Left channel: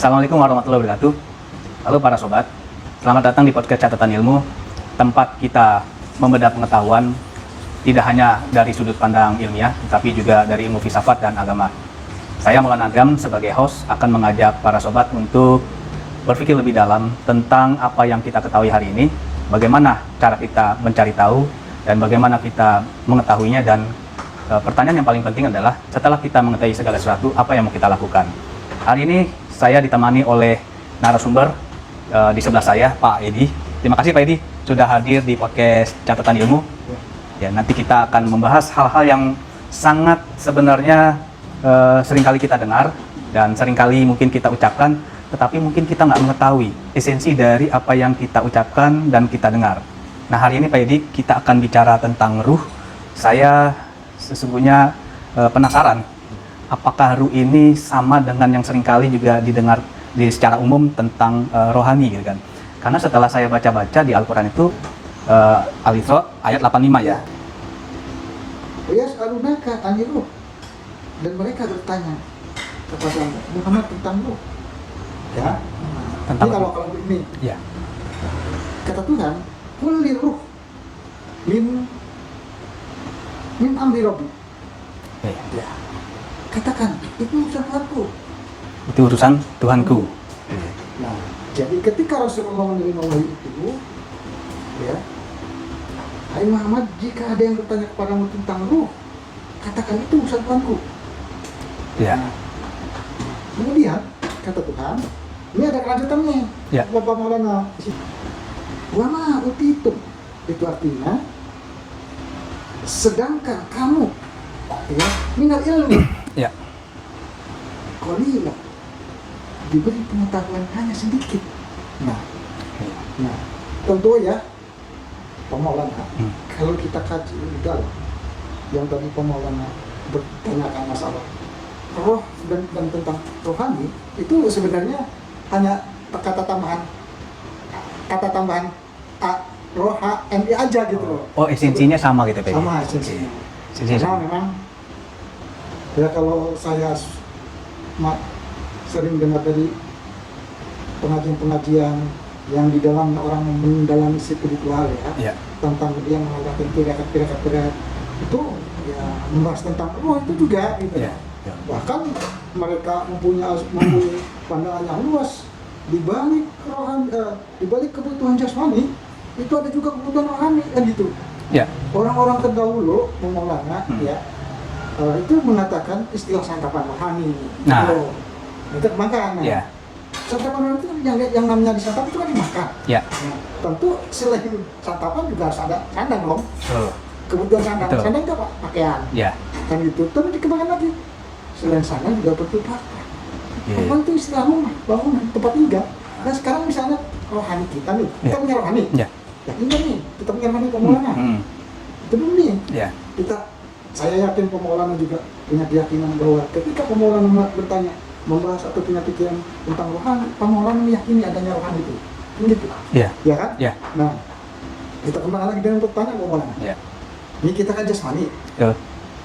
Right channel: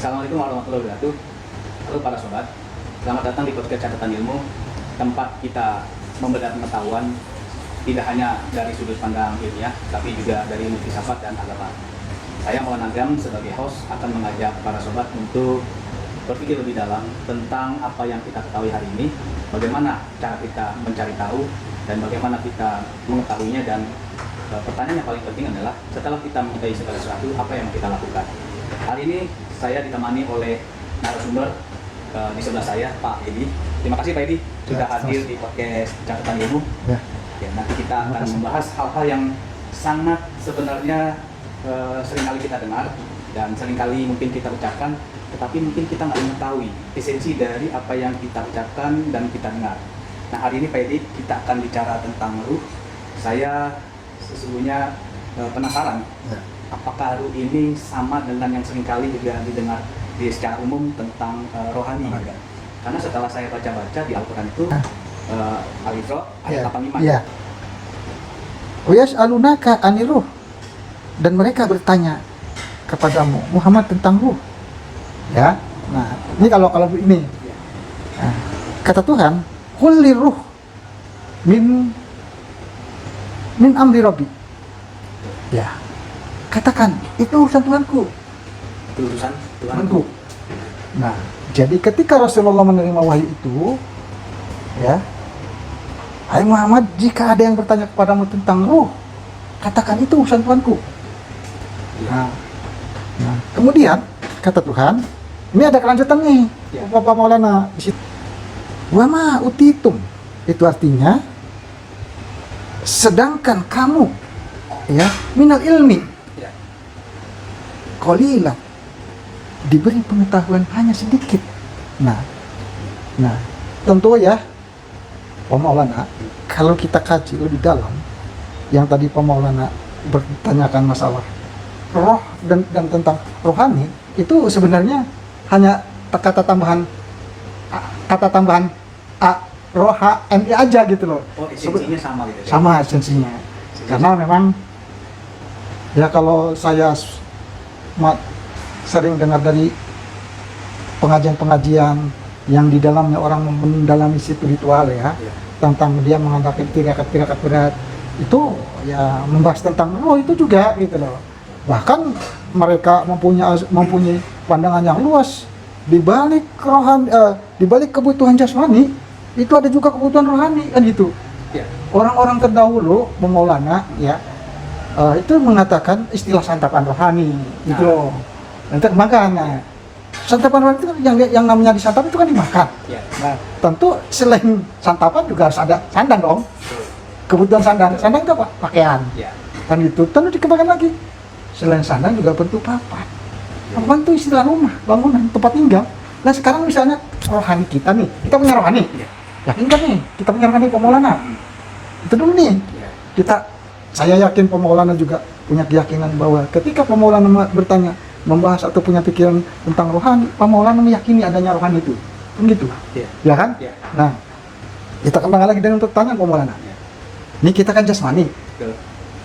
Assalamualaikum warahmatullahi wabarakatuh. Halo para sobat, selamat datang di podcast Catatan Ilmu, tempat kita membedah pengetahuan tidak hanya dari sudut pandang ilmiah, tapi juga dari ilmu filsafat dan agama. Saya Maulana Agam sebagai host akan mengajak para sobat untuk berpikir lebih dalam tentang apa yang kita ketahui hari ini, bagaimana cara kita mencari tahu, dan bagaimana kita mengetahuinya, dan pertanyaan yang paling penting adalah setelah kita mengetahui segala sesuatu, apa yang mau kita lakukan. Hari ini saya ditemani oleh narasumber di sebelah saya, Pak Edi. Terima kasih Pak Edi sudah hadir di podcast Catatan Ilmu. Ya, nanti kita akan membahas hal-hal yang sangat sebenarnya seringkali kita dengar dan seringkali mungkin kita ucapkan, tetapi mungkin kita nggak mengetahui esensi dari apa yang kita ucapkan dan kita dengar. Nah, hari ini Pak Edi kita akan bicara tentang ruh. Saya sesungguhnya penasaran, apakah ruh ini sama dengan yang seringkali juga didengar secara umum tentang rohani, gitu kan? Karena setelah saya baca-baca di Al-Quran itu, Al-Isra ayat 85 ya. Yas'alunaka 'anil ruh, dan mereka bertanya kepadamu Muhammad tentang ruh. Ya. Nah, ini kalau ini. Ya. Nah, kata Tuhan, "Qul ruh min amri rabbi." Ya. Katakan, itu urusan Tuhanku. Itu urusan Tuhanku. Nah, jadi ketika Rasulullah menerima wahyu itu, ya, hai Muhammad, jika ada yang bertanya kepadamu tentang ruh, katakan itu urusan Tuhanku. Ya. Nah, kemudian kata Tuhan, ini ada kelanjutan nih, Ya. Bapak Maulana. Wa ma utitum, itu artinya, sedangkan kamu, ya, minal ilmi, Ya. qalilan, diberi pengetahuan hanya sedikit. Nah, tentu ya, Pak Maulana, kalau kita kaji lebih dalam, yang tadi Pak Maulana bertanyakan masalah roh dan tentang rohani, itu sebenarnya hanya kata tambahan rohani aja gitu loh. Oh, esensinya sama gitu Pak Edi? Sama esensinya. Karena memang ya kalau saya sering dengar dari pengajian-pengajian yang di dalamnya orang mendalami spiritual ya, tentang dia menghadapi tirakat berat itu ya, membahas tentang roh itu juga gitu loh. Bahkan mereka mempunyai pandangan yang luas di balik di balik kebutuhan jasmani itu ada juga kebutuhan rohani kan gitu. Ya. Orang-orang terdahulu Maulana ya, itu mengatakan istilah santapan rohani gitu loh. Nanti makan. Ya. Santapan rohani itu kan yang namanya disantap itu kan dimakan. Ya. Nah, tentu selain santapan juga harus ada sandang dong. Kebutuhan sandang. Betul. Sandang itu apa? Pakaian. Ya. Kan gitu. Tentu dikembangkan lagi. Selain sandang juga bentuk papan. Papan itu istilah rumah, bangunan, tempat tinggal. Nah, sekarang misalnya rohani kita nih. Kita punya rohani. Ya. Yakin kan nih? Kita punya rohani Pak Maulana. Itu dulu nih. Ya. Saya yakin Pak Maulana juga punya keyakinan bahwa ketika Pak Maulana bertanya, membahas atau punya pikiran tentang rohani, Pak Maulana meyakini adanya rohani itu. Kan gitu. Ya. Ya kan? Ya. Nah, kita kembangkan lagi dengan pertanyaan Pak Maulana. Ya. Ini kita kan jasmani. Betul.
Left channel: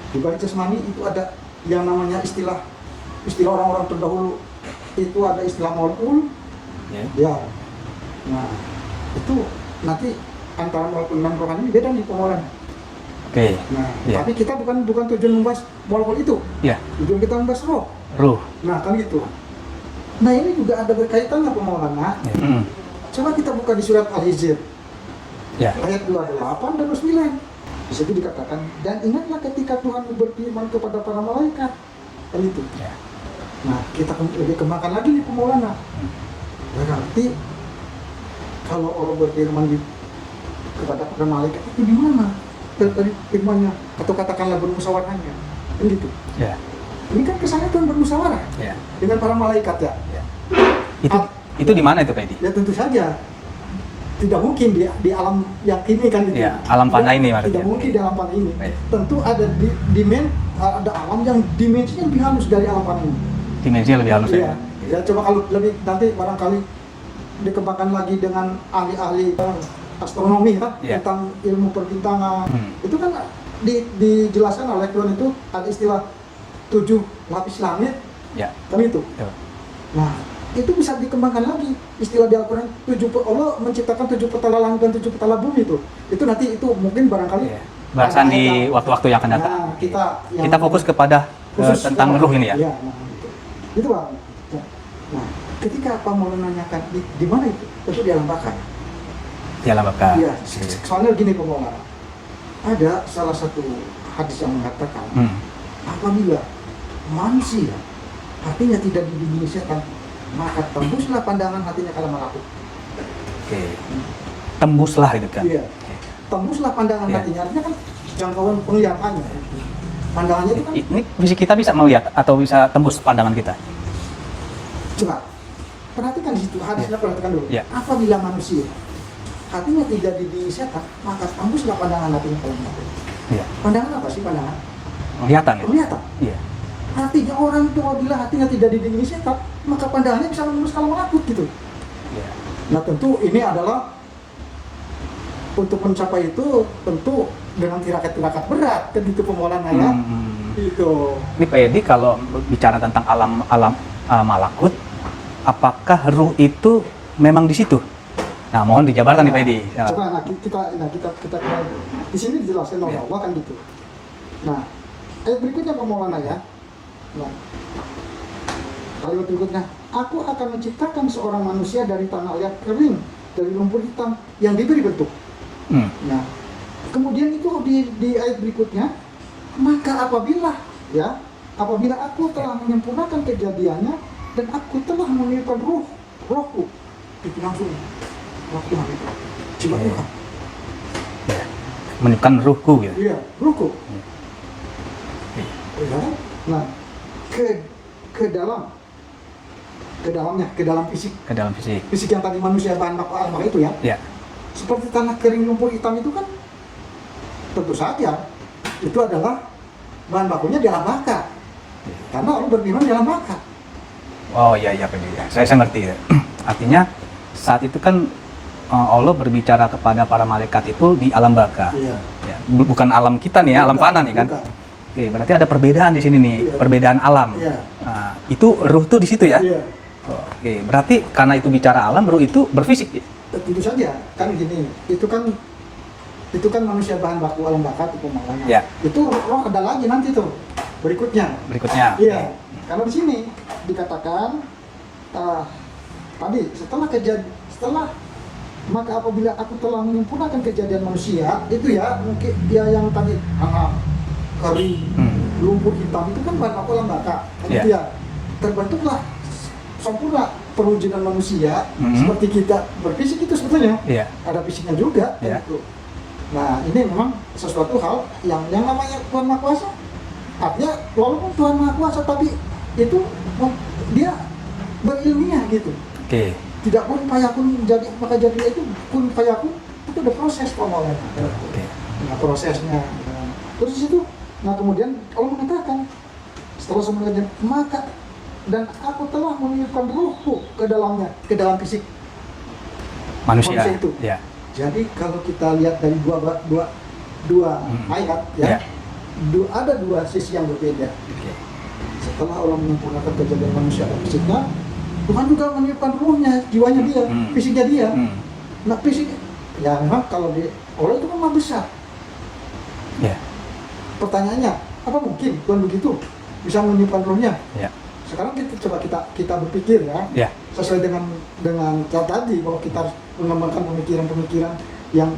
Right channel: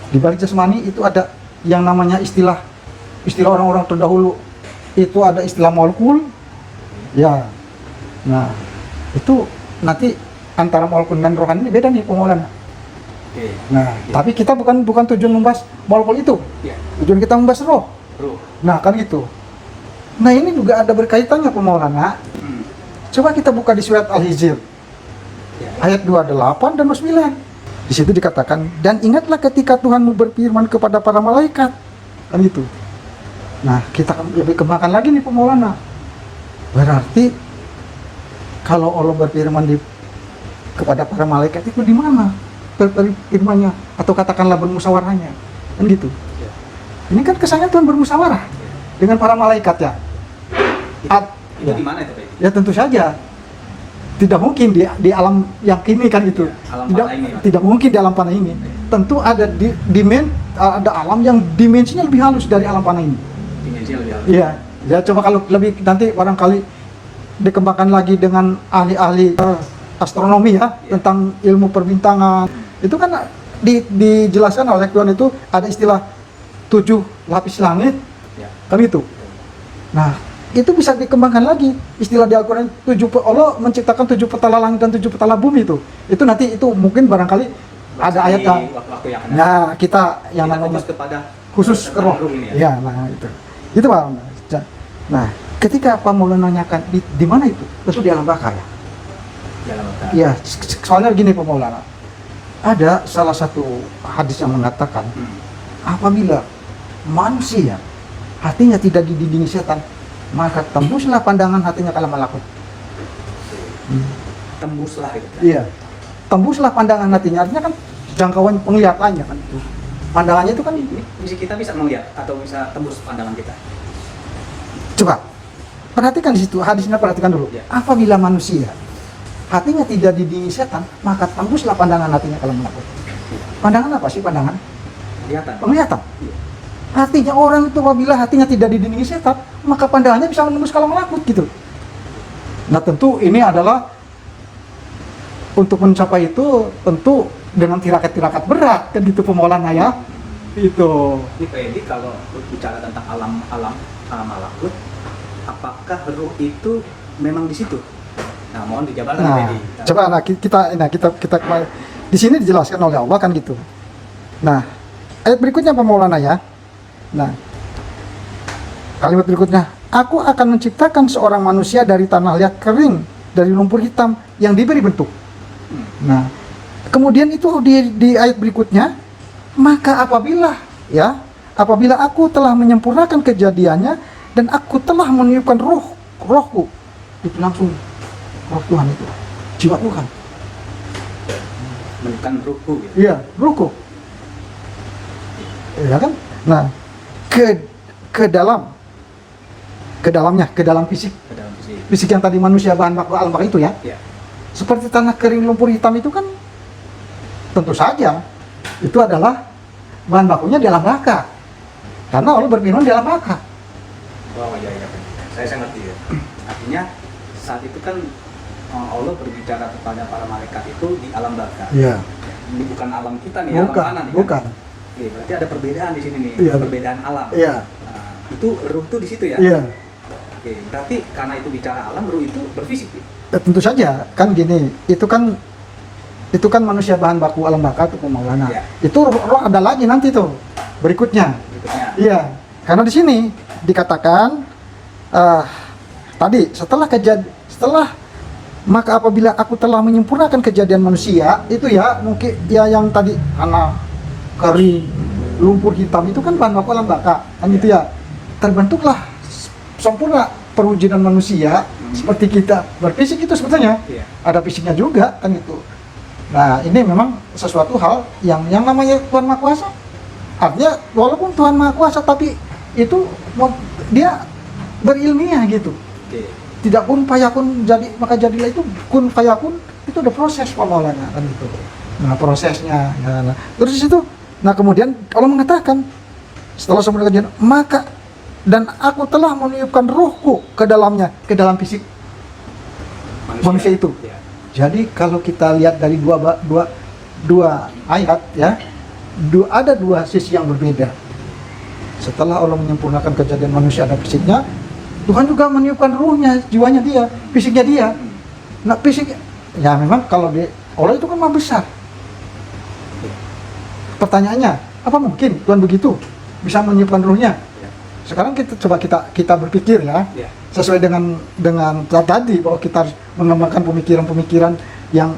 Di balik jasmani itu ada yang namanya istilah orang-orang terdahulu. Itu ada istilah molekul. Ya. Nah, itu nanti antara molekul dan rohani ini beda nih Pak Maulana. Oke. Nah, tapi kita bukan tujuan membahas molekul itu. Ya. Tujuan kita membahas roh. Ruh. Nah, kan gitu. Nah, ini juga ada berkaitannya Pak Maulana. Coba kita buka di surat Al-Hijr. Ya. Ayat 28 dan 29. Di situ dikatakan, dan ingatlah ketika Tuhanmu berfirman kepada para malaikat. Kan gitu. Nah, kita lebih kembangkan lagi nih Pak Maulana. Berarti kalau Allah berfirman kepada para malaikat itu di mana firman-nya atau katakanlah bermusyawarahnya, kan gitu. Ya. Ini kan kesannya Tuhan bermusyawarah dengan para malaikat ya. Itu di mana itu Pak Edi? Ya tentu saja. Tidak mungkin di alam yang kini kan itu. Ya, alam panah ini maksudnya. Tidak mungkin di alam panah ini. Tentu ada ada alam yang dimensinya lebih halus dari alam panah ini. Dimensinya lebih halus. Iya. Ya coba kalau lebih nanti barangkali dikembangkan lagi dengan ahli-ahli astronomi ya, tentang ilmu perbintangan. Itu kan dijelaskan oleh Tuhan itu ada istilah 7 lapis langit, Ya. kan itu. Ya. Nah, itu bisa dikembangkan lagi. Istilah di Al-Quran, Allah menciptakan 7 petala langit dan 7 petala bumi itu. Itu nanti itu mungkin barangkali Bahasan ada ayat. di waktu-waktu yang akan datang. Nah, kita yang Kita fokus kepada khusus tentang ruh ini ya. Iya, nah itu. Itu Pak. Nah, ketika Pak Maulana nanyakan di mana itu? Itu di alam baka ya. Di alam baka. Iya, soalnya gini Pak Maulana. Ada salah satu hadis yang mengatakan apabila manusia hatinya tidak dididik setan, maka tembuslah pandangan hatinya ke alam malakut. Oke. Tembuslah gitu kan. Iya. Tembuslah pandangan Iya. hatinya, artinya kan jangkauan penglihatannya kan itu. Pandangannya itu kan Ini kita bisa melihat atau bisa tembus pandangan kita. coba perhatikan di situ, hadisnya perhatikan dulu. Iya. Apabila manusia hatinya tidak dididik setan, maka tembuslah pandangan hatinya ke alam malakut. Iya. Pandangan apa sih pandangan? Penglihatan. Penglihatan. Iya. Hatinya orang itu apabila hatinya tidak dididik setan, maka pandangannya bisa menembus ke alam malakut gitu. Nah tentu ini adalah untuk mencapai itu tentu dengan tirakat-tirakat berat kan gitu Maulana ya. Itu. Ini Pak Edi kalau bicara tentang alam malakut, apakah ruh itu memang di situ? Nah, mohon dijabarkan nih Pak Edi. Ya. Coba kita di sini dijelaskan oleh Allah kan gitu. Nah, ayat berikutnya Pak Maulana ya. Nah, kalimat berikutnya, aku akan menciptakan seorang manusia dari tanah liat kering, dari lumpur hitam yang diberi bentuk. Nah, kemudian itu di ayat berikutnya, maka apabila aku telah menyempurnakan kejadiannya dan aku telah meniupkan rohku, itu langsung roh Tuhan itu, jiwa Tuhan. Meniupkan ruhku gitu. Iya, rohku. Iya kan? Nah, ke dalam fisik Ke dalam fisik. fisik yang tadi manusia bahan baku alam baka itu ya. Ya. Seperti tanah kering lumpur hitam itu kan tentu saja itu adalah bahan bakunya di alam baka. Karena Allah berfirman di alam baka. Oh iya Pak Edi. Saya ngerti ya. Artinya saat itu kan Allah berbicara kepada para malaikat itu di alam baka. Iya. Ya, bukan alam kita nih, alam fana nih kan. Bukan. Oke, berarti ada perbedaan di sini nih, Iya. perbedaan alam. Iya. Nah, itu ruh tuh di situ ya. Iya. Oke, berarti karena itu bicara alam, ruh itu berfisik. Ya, tentu saja kan gini, itu kan manusia bahan baku alam baka itu Maulana. Ya. Itu roh ada lagi nanti tuh berikutnya. Berikutnya. Iya, karena di sini dikatakan tadi setelah maka apabila aku telah menyempurnakan kejadian manusia itu ya mungkin ya yang tadi anak kering lumpur hitam itu kan bahan baku alam baka kan Iya. itu ya terbentuklah sempurna perwujudan manusia seperti kita berfisik itu sebetulnya Iya. ada fisiknya juga kan Iya. itu. Nah ini memang sesuatu hal yang namanya Tuhan Maha Kuasa. Artinya walaupun Tuhan Maha Kuasa tapi itu dia berilmiah gitu. Oke. Tidak kun fayakun jadi maka jadilah itu kun fayakun itu ada proses Pak Maulana kan itu. Nah prosesnya. Nah, terus di situ. Nah kemudian Allah mengatakan setelah semua kejadian maka dan aku telah meniupkan rohku ke dalamnya, ke dalam fisik manusia itu. Ya. Jadi kalau kita lihat dari dua ayat ya, ada dua sisi yang berbeda. Setelah Allah menyempurnakan kejadian manusia dan fisiknya, Tuhan juga meniupkan ruhnya, jiwanya dia, fisiknya dia. Nah fisik, ya memang kalau Allah itu kan maha besar. Ya. Pertanyaannya, apa mungkin Tuhan begitu bisa meniupkan ruhnya? Ya. Sekarang kita berpikir ya, Ya. sesuai dengan tadi bahwa kita harus mengembangkan pemikiran-pemikiran yang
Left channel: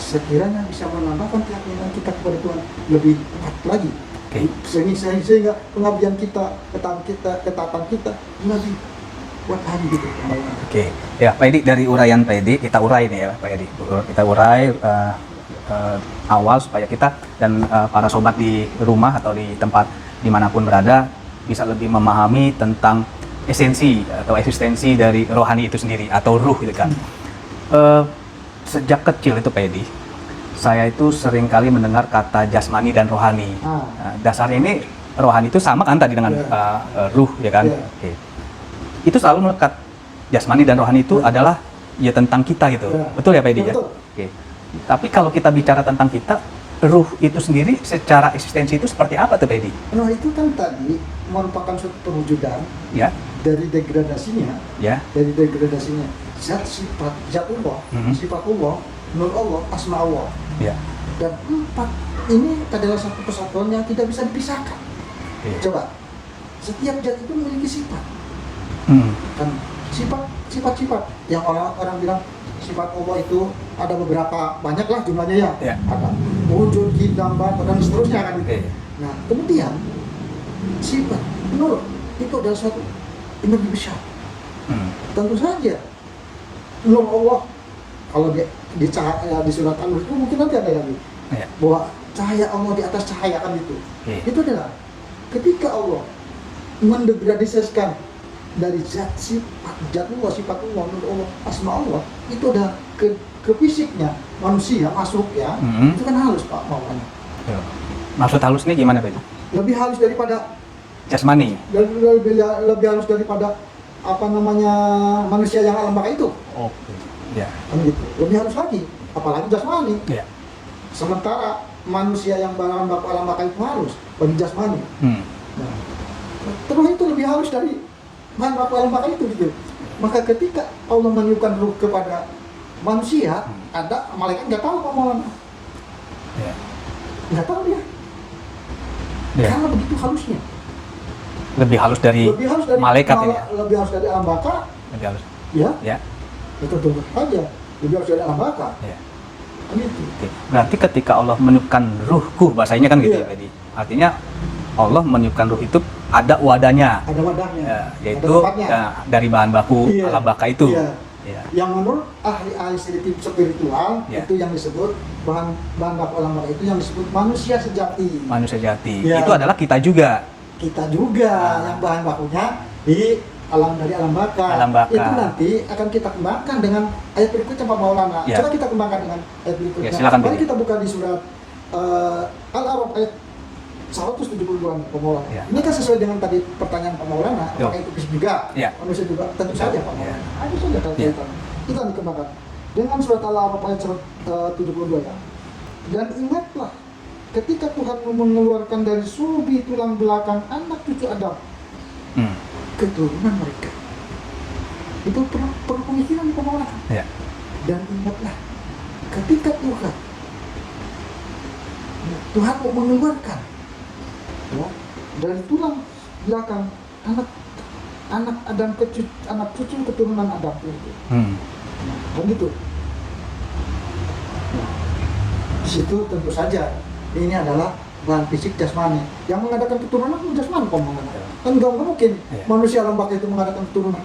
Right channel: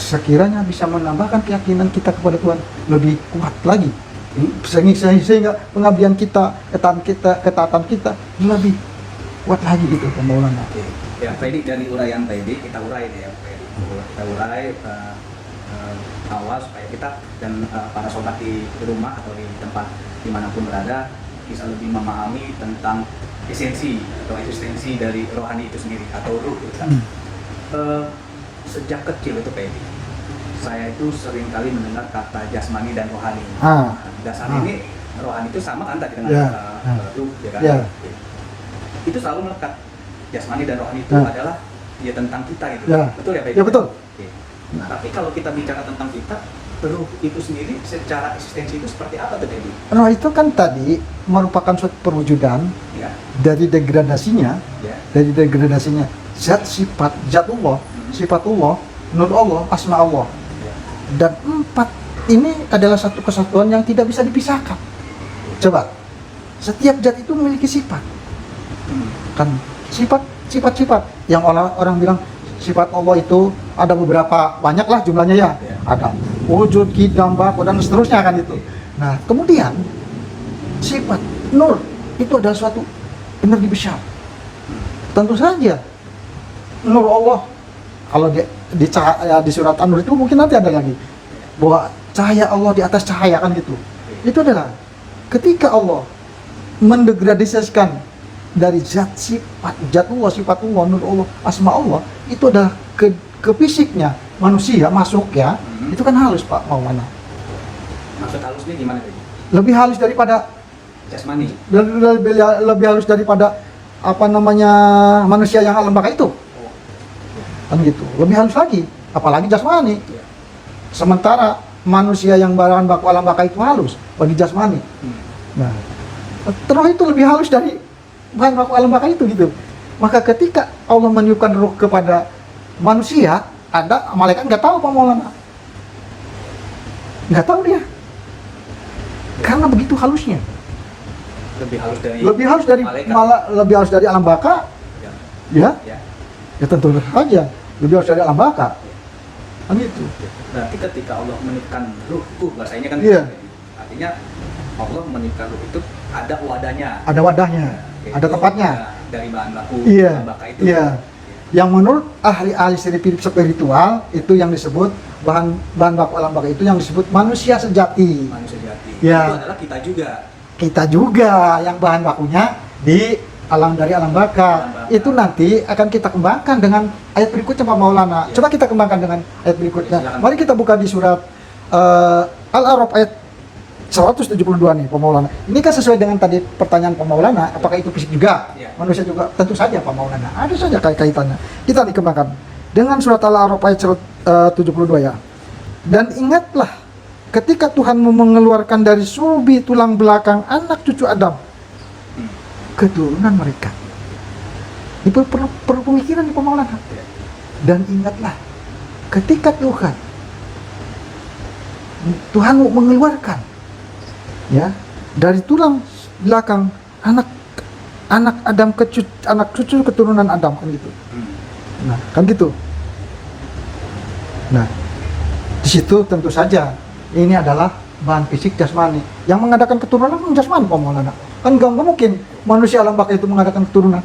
sekiranya bisa menambahkan keyakinan kita kepada Tuhan lebih kuat lagi. Sehingga pengabdian kita, ketaatan kita lebih kuat lagi gitu pembangunan. Oke. Ya, Pak Edi, dari uraian Pak Edi, kita urai nih ya Pak Edi. Kita urai awal supaya kita dan para sobat di rumah atau di tempat dimanapun berada bisa lebih memahami tentang esensi atau eksistensi dari rohani itu sendiri atau ruh gitu kan. Sejak kecil itu Pak Edi, saya itu sering kali mendengar kata jasmani dan rohani. Nah, dasar ini rohani itu sama kan tadi dengan ruh ya kan. Oke. Itu selalu melekat. Jasmani dan rohani itu adalah ya tentang kita gitu. Betul ya Pak Edi? Ya betul. Oke. Tapi kalau kita bicara tentang kita, ruh itu sendiri secara eksistensi itu seperti apa tuh Dedi? Roh itu kan tadi merupakan suatu perwujudan Ya, dari degradasinya, ya, zat sifat, zat Allah, Mhm. sifat Allah, nur Allah, asma Allah. ya. Dan 4 ini adalah satu kesatuan yang tidak bisa dipisahkan. Iya. Coba, setiap zat itu memiliki sifat. Hmm. Kan sifat yang orang bilang sifat Allah itu ada beberapa, banyak lah jumlahnya ya. Ya. Ada wujud, qidam, baqi, dan seterusnya kan itu. Iya. Nah, kemudian sifat nur itu adalah suatu energi besar. Hmm. Tentu saja nur Allah, kalau di surat An-Nur itu mungkin nanti ada lagi Ya. bahwa cahaya Allah di atas cahaya kan gitu. Iya. Itu adalah ketika Allah mendegradasikan dari zat sifat, zat Allah, sifat Allah, nur Allah, asma Allah, itu adalah ke fisiknya manusia masuk ya. Mhm. Itu kan halus Pak Maulana. Maksud halus ini gimana Dedi? Lebih halus daripada Jasmani. dan lebih halus daripada apa namanya manusia yang alam baka itu. Oh. Ya. Kan gitu. Lebih halus lagi, apalagi jasmani. Ya. Sementara manusia yang bahan baku alam baka itu halus bagi jasmani. Hmm. Nah, terus itu lebih halus dari bahan baku alam baka itu gitu. Maka ketika Allah meniupkan ruh kepada manusia, ada malaikat nggak tahu Pak Maulana, Ya. nggak tahu dia, Ya. karena begitu halusnya. Lebih halus dari Lebih halus dari malaikat. lebih halus dari alam baka, Lebih halus. ya, Ya. ya tentu saja lebih halus dari alam baka. Ya. Kan gitu. Berarti ketika Allah meniupkan ruhku, bahasanya kan gitu. Iya. Jadi artinya Allah meniupkan ruh itu ada wadahnya. Ada wadahnya, Ya, yaitu ada tempatnya. dari bahan baku Iya. alam baka itu. Iya. Ya. Yang menurut ahli-ahli spiritual Ya. itu yang disebut bahan baku alam baka itu yang disebut manusia sejati. Manusia jati. Ya. Itu adalah kita juga. Kita juga yang bahan bakunya di dari alam baka. Alam baka. Itu nanti akan kita kembangkan dengan ayat berikutnya Pak Maulana. Ya. Coba kita kembangkan dengan ayat berikutnya. Ya, silakan. Mari kita buka di surat Al-A'raf ayat 172 nih Pak Maulana. Ya. Ini kan sesuai dengan tadi pertanyaan Pak Maulana, apakah itu fisik juga? Ya. Manusia juga? Tentu saja Pak Maulana. Ada saja kaitannya. Kita dikembangkan dengan surat Al-A'raf ayat 72 ya. Dan ingatlah ketika Tuhanmu mengeluarkan dari sulbi tulang belakang anak cucu Adam Hmm. keturunan mereka. Itu perlu pemikiran nih Pak Maulana. Ya. Dan ingatlah ketika Tuhanmu mengeluarkan ya dari tulang belakang anak Adam anak cucu keturunan Adam kan gitu. Hmm. Nah, kan gitu. Nah, di situ tentu saja ini adalah bahan fisik jasmani. Yang mengadakan keturunan kan jasmani Pak Maulana. Kan nggak mungkin manusia alam baka itu mengadakan keturunan.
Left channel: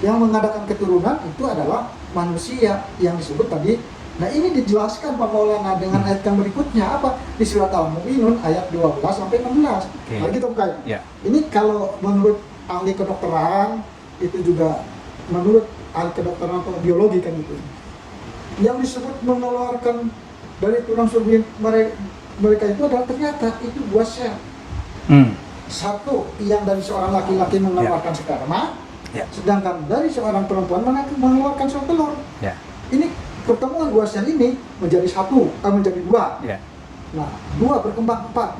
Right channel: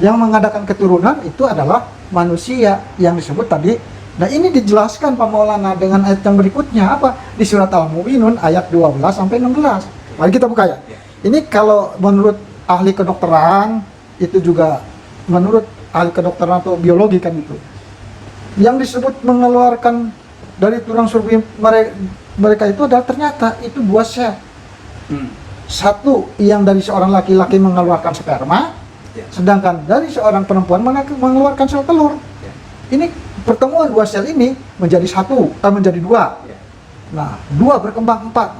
Yang mengadakan keturunan itu adalah manusia yang disebut tadi. Nah, ini dijelaskan Pak Maulana dengan ayat yang berikutnya apa? Di surat Al-Mu'minun ayat 12 sampai 16. Oke. Mari kita buka ya. Ya. Ini kalau menurut ahli kedokteran itu juga menurut ahli kedokteran atau biologi kan itu. Yang disebut mengeluarkan dari tulang sulbi mereka itu adalah ternyata itu 2 sel. Hmm. Satu yang dari seorang laki-laki mengeluarkan sperma, Ya. sedangkan dari seorang perempuan mengeluarkan sel telur. Ya. Ini pertemuan 2 sel ini menjadi menjadi 2. Ya. Nah, 2 berkembang 4,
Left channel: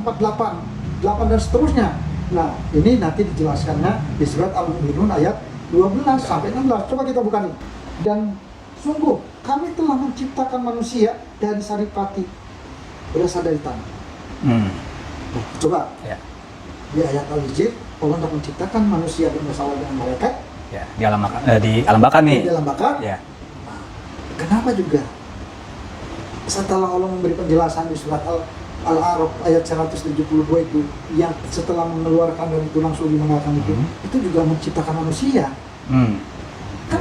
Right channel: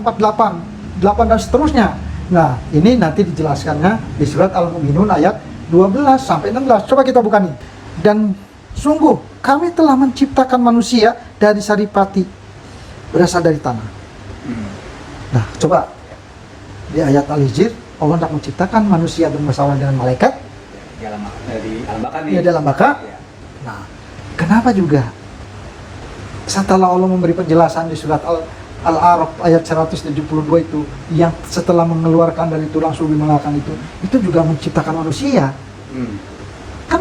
8 dan seterusnya. Nah, ini nanti dijelaskannya di surat Al-Mu'minun ayat 12 sampai 16. Coba kita buka nih. Dan sungguh kami telah menciptakan manusia dari saripati berasal dari tanah. Hmm. Nah, coba Ya. di ayat Al-Hijr Allah hendak menciptakan manusia bermasalah dengan malaikat Ya. Di alam baka nih. di dalam baka. Ya. Nah, kenapa juga setelah Allah memberi penjelasan di surat Al-A'raf ayat 172 itu yang setelah mengeluarkan dari tulang sulbi belakang itu juga menciptakan manusia. Hmm. Kan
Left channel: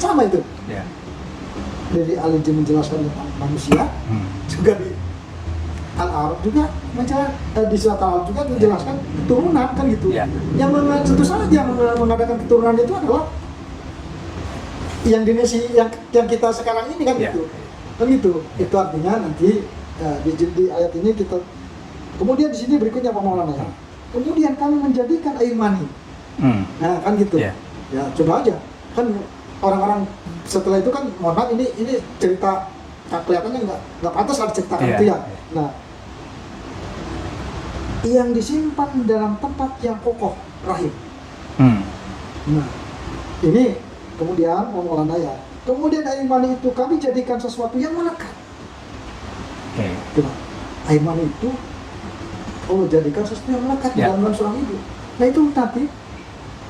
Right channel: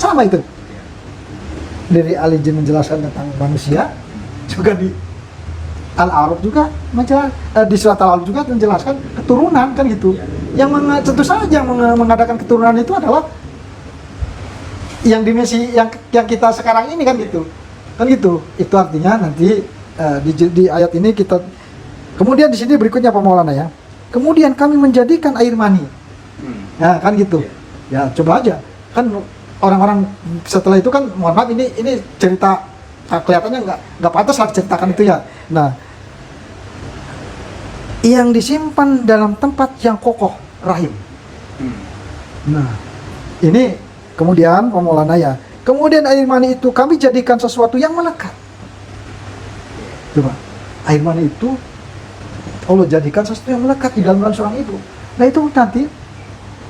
sama itu. Ya. Dari Al-Hijr menjelaskan tentang manusia, Hmm. juga di Al-A'raf juga di surat Al-A'raf juga menjelaskan keturunan kan gitu. Ya. Yang tentu saja yang mengadakan keturunan itu adalah yang dimensi yang kita sekarang ini kan Ya. gitu. Kan gitu. Itu artinya nanti di ayat ini kita kemudian di sini berikutnya Pak Maulana ya. Kemudian kami menjadikan air mani. Hmm. Nah, kan gitu. Ya. Ya, coba aja. Kan orang-orang setelah itu kan mohon maaf ini cerita kelihatannya nggak pantas lah diciptakan itu ya. Nah, yang disimpan dalam tempat yang kokoh, rahim. Nah, ini kemudian Maulana ya. Kemudian air mani itu kami jadikan sesuatu yang melekat. Coba, air mani itu Allah jadikan sesuatu yang melekat di dalam seorang ibu. Nah itu nanti,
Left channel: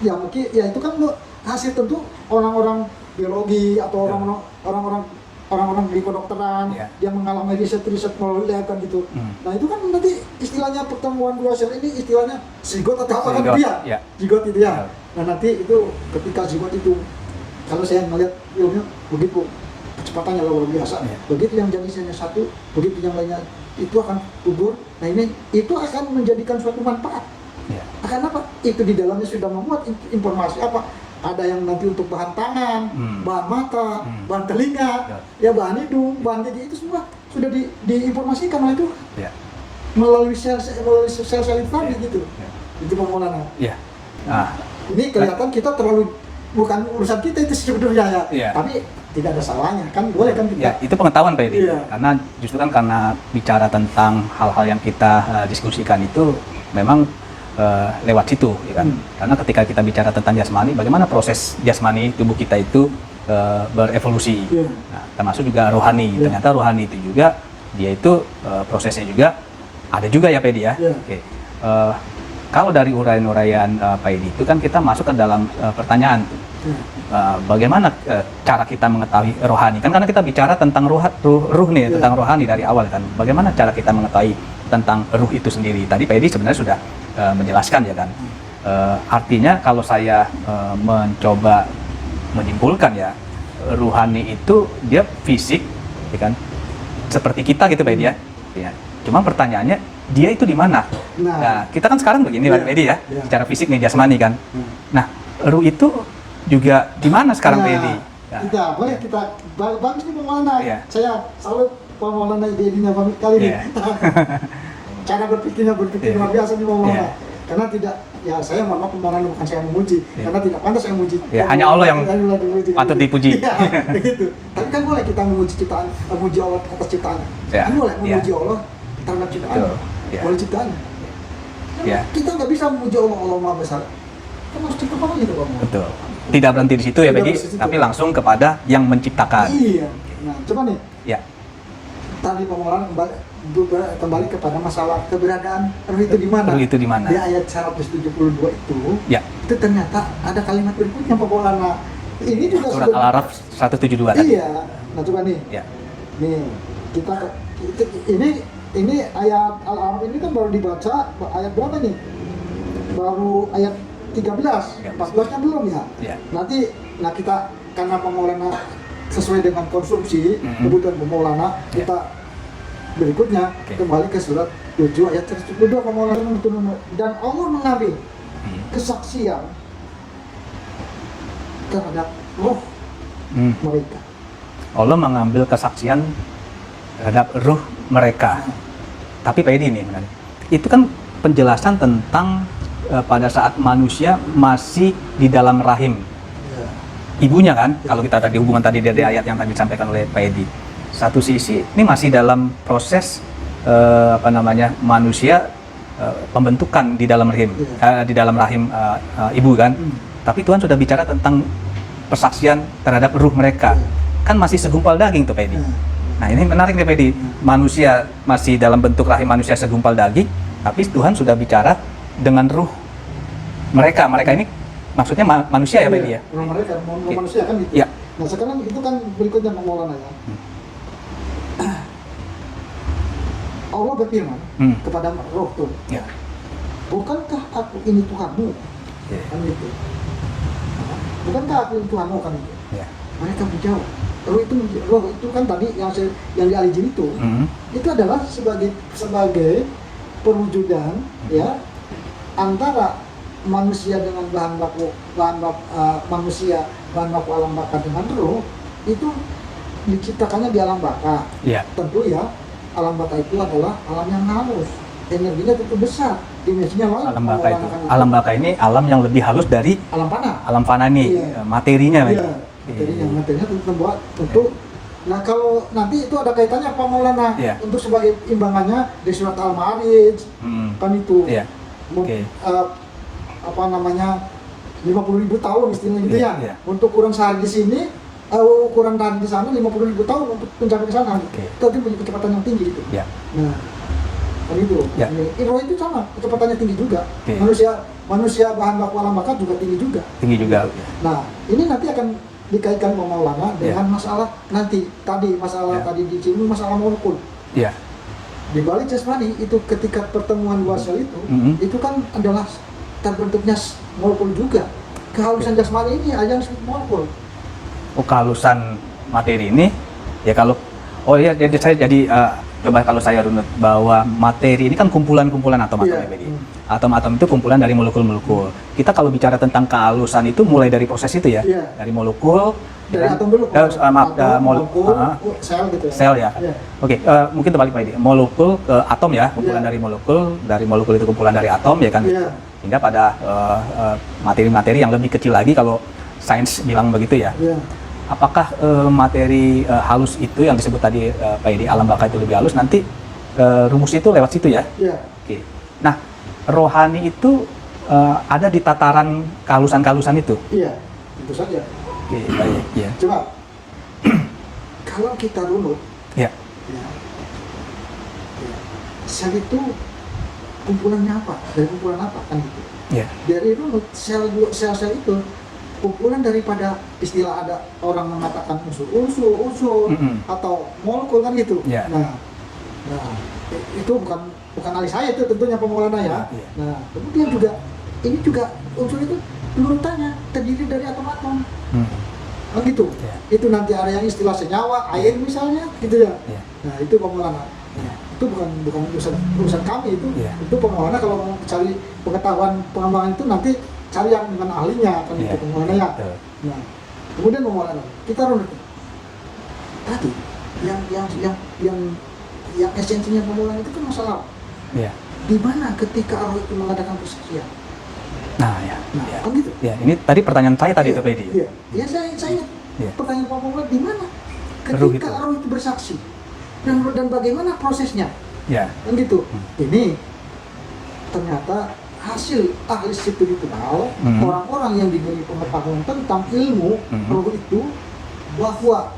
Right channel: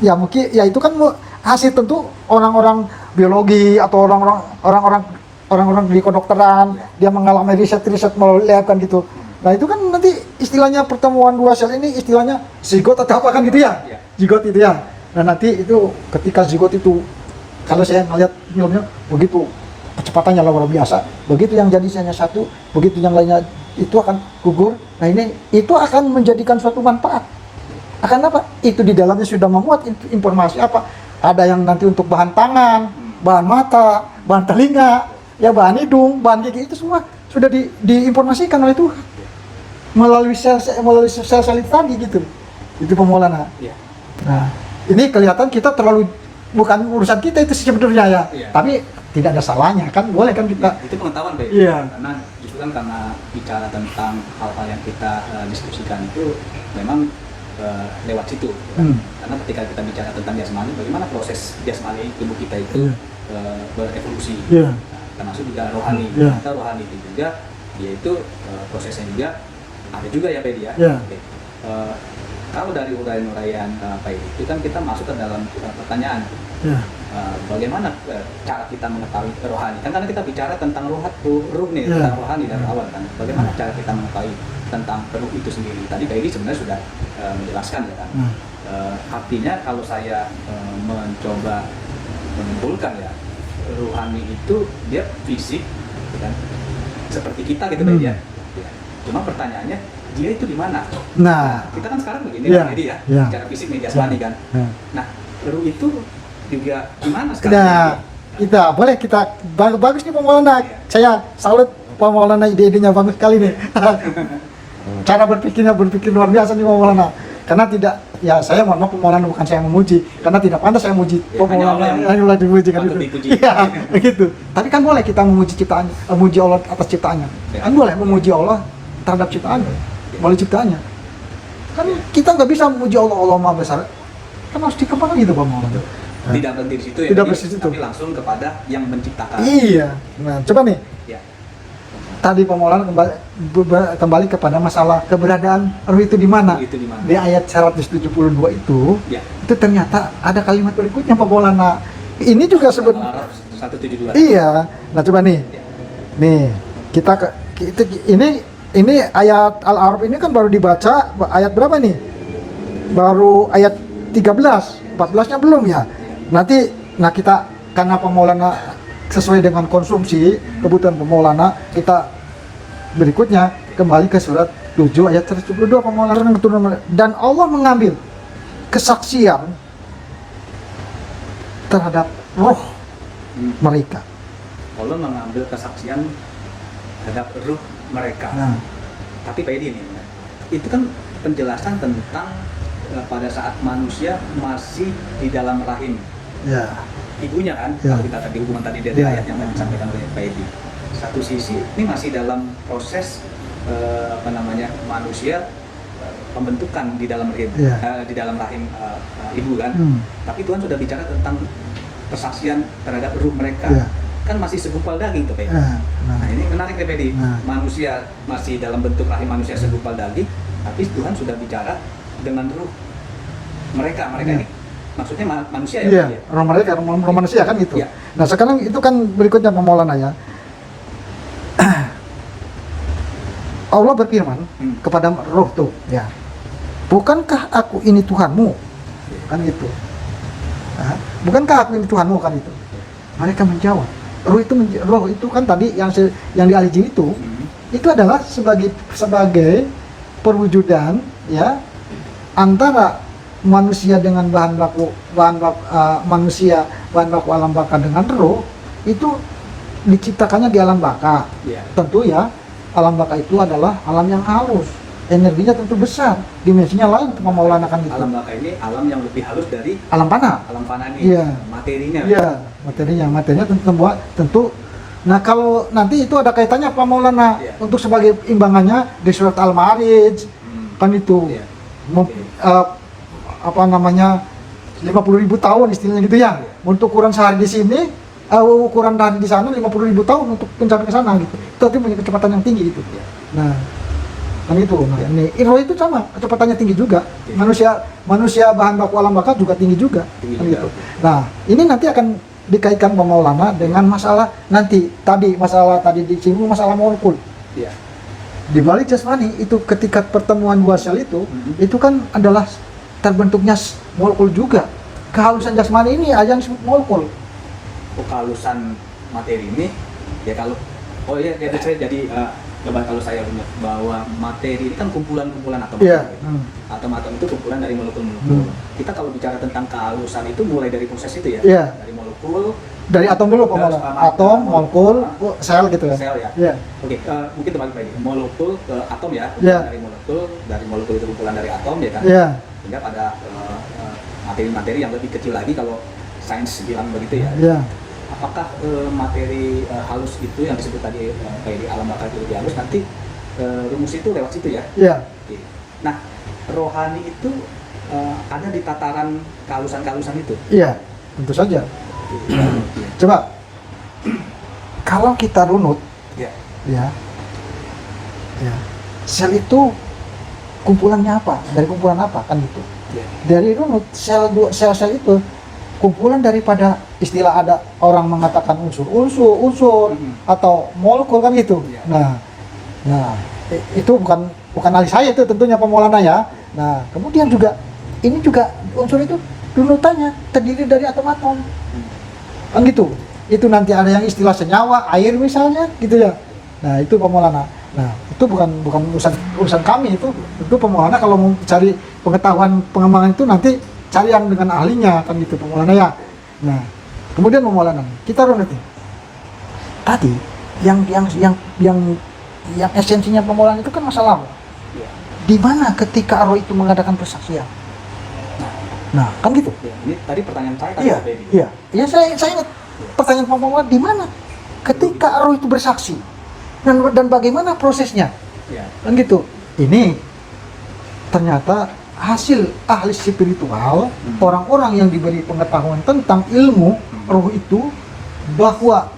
ya mungkin ya itu kan hasil tentu orang-orang biologi atau orang-orang di kedokteran, dia mengalami riset melihatkan gitu. Nah itu kan nanti istilahnya pertemuan dua sel ini istilahnya zigot atau apa kan gitu ya? Zigot itu ya. Nah nanti itu ketika zigot itu, kalau saya melihat filmnya begitu kecepatannya luar biasa, begitu yang jadi hanya satu, begitu yang lainnya itu akan gugur. Nah ini itu akan menjadikan suatu manfaat. Akan apa? Itu di dalamnya sudah memuat informasi apa? Ada yang nanti untuk bahan tangan, bahan mata, bahan telinga, ya bahan hidung, bahan gigi, itu semua sudah diinformasikan oleh Tuhan melalui sel-sel itu tadi gitu. Itu Maulana. Nah ini kelihatan kita terlalu, bukan urusan kita itu sebenarnya ya, tapi tidak ada salahnya kan, boleh kan kita. Itu pengetahuan Pak Edi. Karena justru kan karena bicara tentang hal-hal yang kita diskusikan itu memang lewat situ, ya kan? Karena ketika kita bicara tentang jasmani, bagaimana proses jasmani tubuh kita itu berevolusi, nah, termasuk juga rohani. Ternyata rohani itu juga dia itu prosesnya juga ada juga ya Pak Edi ya. Kalau dari uraian-uraian Pak Edi itu kan kita masuk ke dalam pertanyaan, bagaimana cara kita mengetahui rohani? Kan karena kita bicara tentang ruh nih, tentang rohani dari awal kan. Bagaimana cara kita mengetahui tentang ruh itu sendiri? Tadi Pak Edi sebenarnya sudah menjelaskan ya kan. Artinya kalau saya mencoba menyimpulkan ya, rohani itu dia fisik, ya kan? Seperti kita gitu Pak Edi ya. Cuma pertanyaannya, dia itu di mana? Nah, kita kan sekarang begini Pak Edi ya, secara fisik nih jasmani kan. Nah, ruh itu juga di mana sekarang Pak Edi? Kita boleh kita bagus nih Pak Maulana. Saya salut Pak Maulana, ide-idenya bagus kali nih. Cara berpikir luar biasa nih Pak Maulana. Karena tidak, ya saya mohon maaf Pak Maulana, bukan saya memuji, karena tidak pantas saya memuji. Hanya Allah yang patut dipuji. Iya, begitu. Tapi kan boleh kita memuji ciptaan, memuji Allah atas ciptaannya. Kan boleh memuji Allah terhadap ciptaannya, oleh ciptaannya. Kan kita nggak bisa memuji Allah Maha Besar. Kan harus dikepala gitu Pak Maulana. Tidak berhenti di situ ya, tapi langsung kepada yang menciptakan. Iya. Nah, coba nih. Tadi Pak Maulana kembali kepada masalah keberadaan ruh itu di mana? Ruh itu di mana? Di ayat 172 itu, itu ternyata ada kalimat berikutnya Pak Maulana. Ini juga Surat Al-Araf 172. Iya. Nah, coba nih. Nih, ini ayat Al-Araf ini kan baru dibaca ayat berapa nih? Baru ayat 13, 14-nya belum ya? Nanti, kita karena Pak Maulana sesuai dengan konsumsi kebutuhan Pak Maulana, kita berikutnya kembali ke surat 7 ayat 172 Pak Maulana, dan Allah mengambil kesaksian terhadap roh mereka. Allah mengambil kesaksian terhadap ruh mereka. Tapi Pak Edi ini, itu kan penjelasan tentang pada saat manusia masih di dalam rahim ibunya kan, kalau kita tadi hubungan tadi dari ayat yang tadi disampaikan oleh Pak Edi. Satu sisi ini masih dalam proses manusia pembentukan di dalam rahim, ibu kan. Tapi Tuhan sudah bicara tentang persaksian terhadap ruh mereka. Kan masih segumpal daging tuh Pak Edi. Nah ini menarik nih Pak Edi. Manusia masih dalam bentuk rahim manusia segumpal daging, tapi Tuhan sudah bicara dengan ruh mereka. Mereka ini maksudnya manusia ya Pak Edi ya? Roh manusia kan itu. Nah sekarang itu kan berikutnya Pak Maulana ya. Allah berfirman kepada roh tuh, bukankah aku ini Tuhanmu? Kan gitu. Bukankah aku ini Tuhanmu kan itu? Mereka menjawab. Roh itu kan tadi yang di Al-Jin itu adalah sebagai perwujudan ya antara manusia dengan bahan baku alam baka dengan roh itu diciptakannya di alam baka. Tentu ya alam baka itu adalah alam yang halus, energinya tentu besar, dimensinya lain. Alam baka ini alam yang lebih halus dari alam fana. Alam fana ini materinya. Materinya tentu Nah kalau nanti itu ada kaitannya Pak Maulana Iya. untuk sebagai imbangannya di surat Al-Ma'arij kan itu Iya. Mem- Oke. apa namanya 50.000 tahun istilahnya gitu ya. Iya. Untuk ukuran sehari di sini, ukuran hari di sana 50.000 tahun untuk mencapai ke sana gitu. Iya. Tapi punya kecepatan yang tinggi gitu. Ya. Nah kan itu. Nah, Ya. ini roh itu sama kecepatannya tinggi juga. Oke. Manusia bahan baku alam bakar juga tinggi juga. Tinggi Kan juga. gitu. Nah ini nanti akan dikaitkan Pak Maulana dengan masalah nanti tadi masalah tadi disinggung masalah molekul. Iya. Di balik jasmani itu ketika pertemuan dua sel itu itu kan adalah terbentuknya molekul juga. Kehalusan jasmani ini ada yang disebut molekul. Kehalusan materi ini ya kalau jadi saya jadi coba kalau saya runut bahwa materi ini kan kumpulan-kumpulan atom Iya. ya, Pedi. Atom-atom itu kumpulan dari molekul-molekul. Kita kalau bicara tentang kehalusan itu mulai dari proses itu ya. Iya. Dari molekul Dari atom dulu Pak Maulana. Atom, molekul, sel gitu ya. sel ya. Iya. Oke, mungkin terbalik Pak Edi. Molekul ke atom ya, kumpulan Iya. dari molekul itu kumpulan dari atom ya kan. Iya. Hingga pada materi-materi yang lebih kecil lagi kalau sains bilang begitu ya. Iya. Apakah materi halus itu yang disebut tadi Pak Edi alam baka itu lebih halus nanti rumus itu lewat situ ya? Iya. Oke. Nah, rohani itu ada di tataran kehalusan-kehalusan itu. Iya. Tentu saja. Oke, baik, ya. Coba kalau kita runut Ya. ya. Ya. Sel itu kumpulannya apa? Dari kumpulan apa kan gitu. Ya. Dari runut sel-sel itu kumpulan daripada istilah ada orang mengatakan unsur atau molekul kan gitu. Ya. Nah itu bukan ahli saya itu tentunya Pak Maulana ya. Ya. Nah kemudian juga ini juga unsur itu runutannya terdiri dari atom-atom kan gitu. Itu nanti ada yang istilah senyawa air misalnya gitu ya. Ya. Nah itu Pak Maulana. Nah itu bukan urusan kami itu. Ya. Itu Pak Maulana kalau mau cari pengetahuan pengembangan itu nanti cari yang dengan ahlinya kan gitu Ya. Pak Maulana ya. Ya. Nah kemudian Pak Maulana kita runut nih. Tadi yang esensinya Pak Maulana itu kan masalah Ya. di mana ketika roh itu mengadakan persaksian. Nah, ya. Nah kan gitu. Ya, ini tadi pertanyaan saya tadi Iya, Pak Edi. iya. Iya saya ingat Iya. pertanyaan Pak Maulana di mana ketika roh itu bersaksi dan bagaimana prosesnya. Ya. Kan gitu. Ini ternyata hasil ahli spiritual, orang-orang yang diberi pengetahuan tentang ilmu roh itu bahwa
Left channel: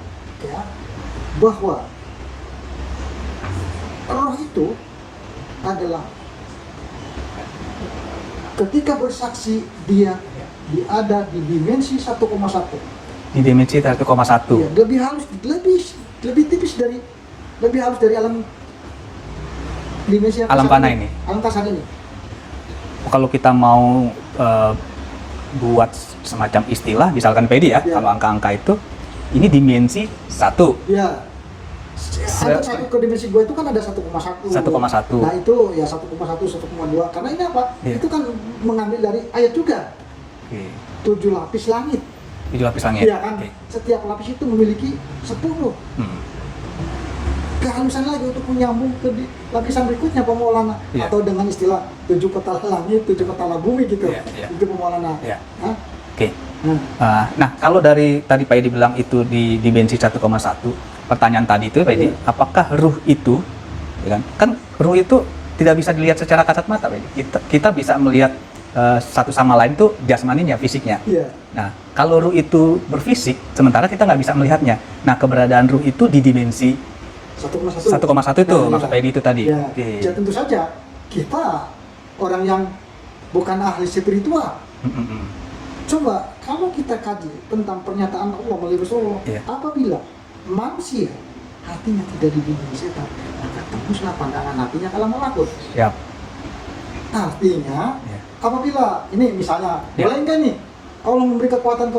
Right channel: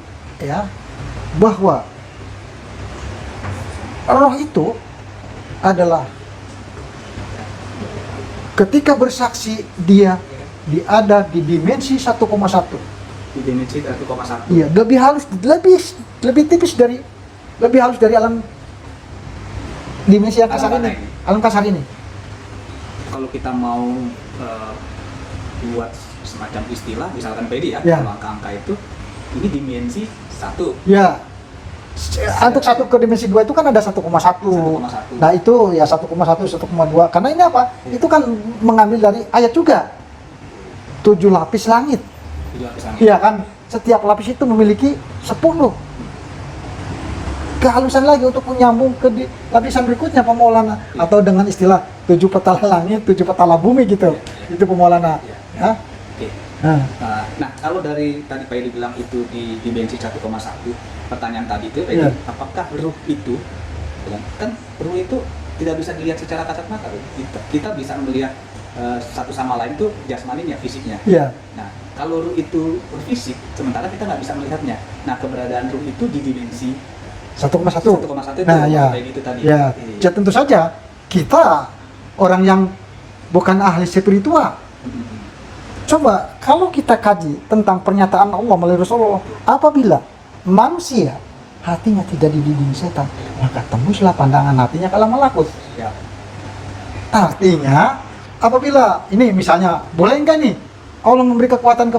roh itu adalah ketika bersaksi dia ada di dimensi 1,1. Di dimensi 1,1. Iya, lebih tipis lebih halus dari alam dimensi yang Alam kasar panah ini. Alam kasar ini. Kalau kita mau buat semacam istilah, misalkan PD ya, Ya. kalau angka-angka itu, ini dimensi 1. Ya. Untuk satu ke dimensi 2 itu kan ada 1,1. 1,1. Nah, itu ya 1,1, 1,2. Karena ini apa? Iya. Itu kan mengambil dari ayat juga. 7 lapis langit. Itu lapis langit. Iya kan? Oke. Setiap lapis itu memiliki 10. Kehalusan lagi untuk menyambung ke lapisan berikutnya Pak Maulana. Iya. Atau dengan istilah 7 petala langit, 7 petala bumi gitu. Iya, iya. Itu Pak Maulana. Iya. Hah? Oke. Nah, Nah, kalau dari tadi Pak Edi bilang itu di dimensi 1,1, pertanyaan tadi itu Pak Edi, Iya. apakah ruh itu, ya kan ruh itu tidak bisa dilihat secara kasat mata, Pak Edi. Kita bisa melihat satu sama lain tuh jasmaninya, fisiknya. iya. Nah, kalau ruh itu berfisik, sementara kita nggak bisa melihatnya. Nah, keberadaan ruh itu di dimensi 1,1. 1,1 itu, maksud Pak Edi itu tadi. Ya. Oke. Ya tentu saja kita orang yang bukan ahli spiritual. Coba kalau kita kaji tentang pernyataan Allah melalui Rasulullah, Iya. apabila manusia hatinya tidak dibimbing setan, maka tembuslah pandangan hatinya ke alam malakut. Siap. Artinya, apabila ini misalnya, boleh nggak nih Allah memberi kekuatan ke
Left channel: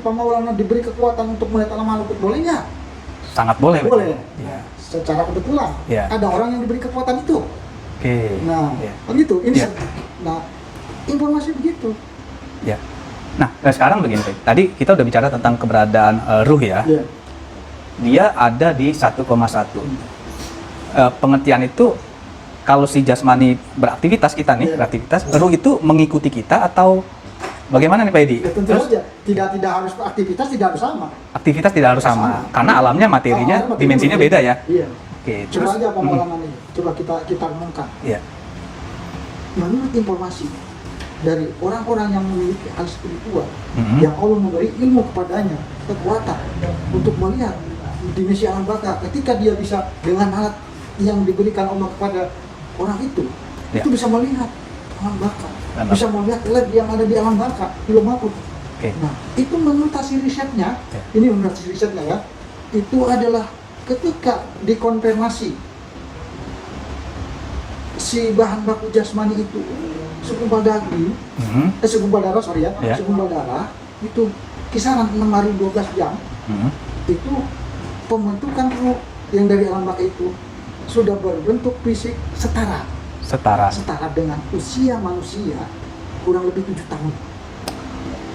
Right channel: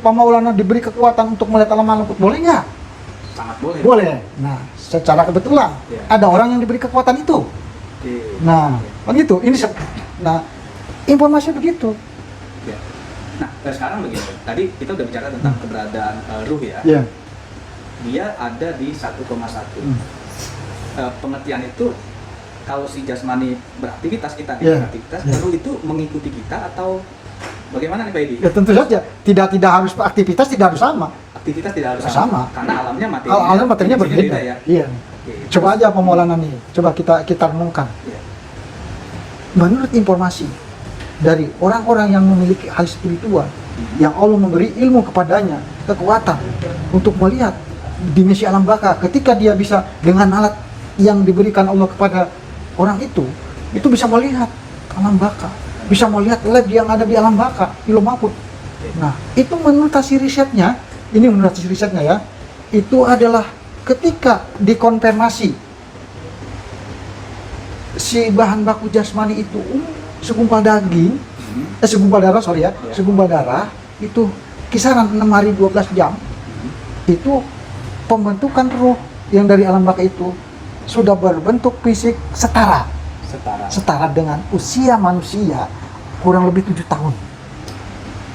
Maulana diberi kekuatan untuk melihat alam malakut, boleh nggak? Sangat boleh. Boleh. Nah, secara kebetulan Iya. ada orang yang diberi kekuatan itu. Oke. Nah, Iya. kan gitu. Ini Iya. nah, informasi begitu. Ya. Nah, sekarang begini, Pak. Tadi kita udah bicara tentang keberadaan ruh ya. Iya. Dia ada di 1,1. Pengertian itu kalau si jasmani beraktivitas kita nih, Iya. beraktivitas, Iya. ruh itu mengikuti kita atau Bagaimana nih Pak Edi? Ya tentu saja, tidak harus aktivitas tidak harus sama. Aktivitas tidak harus sama, karena alamnya materinya, Alam materinya dimensinya berbeda. beda ya. Iya. Oke, Coba terus- aja pemolangan ini, coba kita renungkan. Iya. Menurut informasi dari orang-orang yang memiliki hal spiritual, yang Allah memberi ilmu kepadanya, kekuatan untuk melihat dimensi alam baka, ketika dia bisa dengan alat yang diberikan Allah kepada orang itu bisa melihat alam baka, bisa melihat lab yang ada di alam baka, di Ilmu Malakut. Oke. Nah, itu menurut hasil risetnya, ini menurut hasil risetnya ya, itu adalah ketika dikonfirmasi si bahan baku jasmani itu segumpal daging, segumpal darah sorry ya, Ya. segumpal darah itu kisaran 6 hari 12 jam, itu pembentukan ruh yang dari alam baka itu sudah berbentuk fisik setara dengan usia manusia kurang lebih 7 tahun.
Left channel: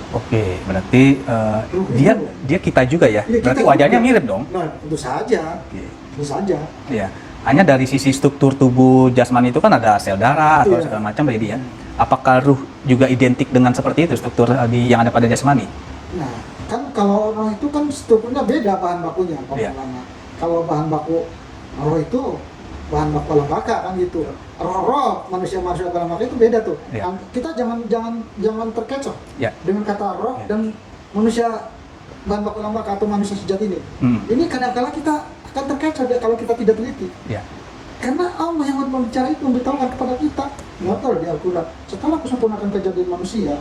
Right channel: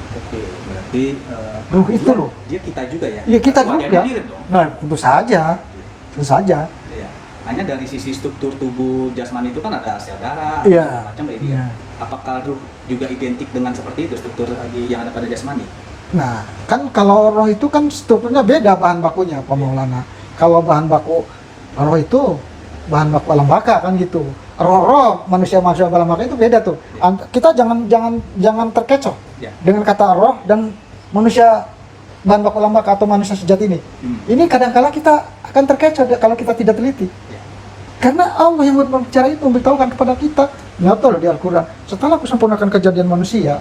Oke, berarti Ruh itu dia loh. dia kita juga ya. Iya, kita Berarti wajahnya juga. mirip dong. Nah, tentu saja, Oke. tentu saja. Iya. Hanya dari sisi struktur tubuh jasmani itu kan ada sel darah atau Iya. segala macam Pak Edi ya. Iya. Apakah ruh juga identik dengan seperti itu struktur yang ada pada jasmani? Nah, kan kalau roh itu kan strukturnya beda bahan bakunya, Pak Iya. Maulana. Kalau bahan baku roh itu bahan baku alam baka kan gitu. Roh manusia alam baka itu beda tuh. Iya. Kita jangan terkecoh Ya. dengan kata roh dan manusia bahan baku alam baka atau manusia sejati ini. Ini kadang-kala kita akan terkecoh kalau kita tidak teliti. Ya. Karena Allah yang berbicara itu memberitahukan kepada kita, nyata loh di Al-Quran. Setelah kusempurnakan kejadian manusia,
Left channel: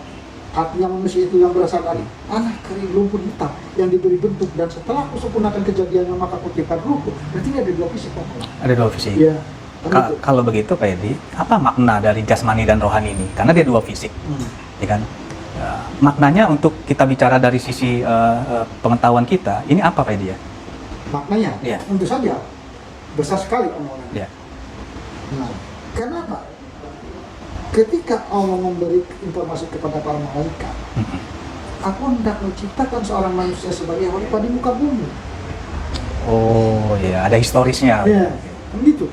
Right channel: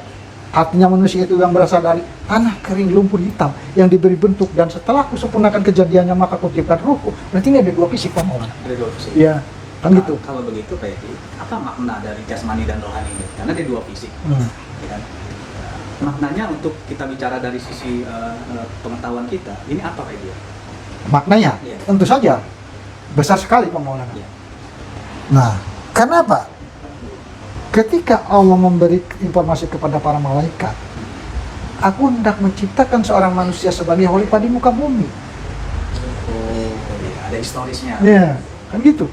artinya manusia itu yang berasal dari tanah kering lumpur hitam yang diberi bentuk, dan setelah kusempurnakan kejadiannya maka kuciptakan ruhku. Berarti ini ada dua fisik orang. Ada dua fisik. Iya. Kan gitu. Kalau begitu Pak Edi, apa makna dari jasmani dan rohani ini? Karena dia dua fisik, ya kan? Maknanya untuk kita bicara dari sisi pengetahuan kita, ini apa Pak Edi ya? Maknanya, Iya. tentu saja besar sekali Pak Maulana. Ya. Nah, karena apa? Ketika Allah memberi informasi kepada para malaikat, aku hendak menciptakan seorang manusia sebagai khalifah di muka bumi. Oh iya, ada historisnya. Iya, kan gitu.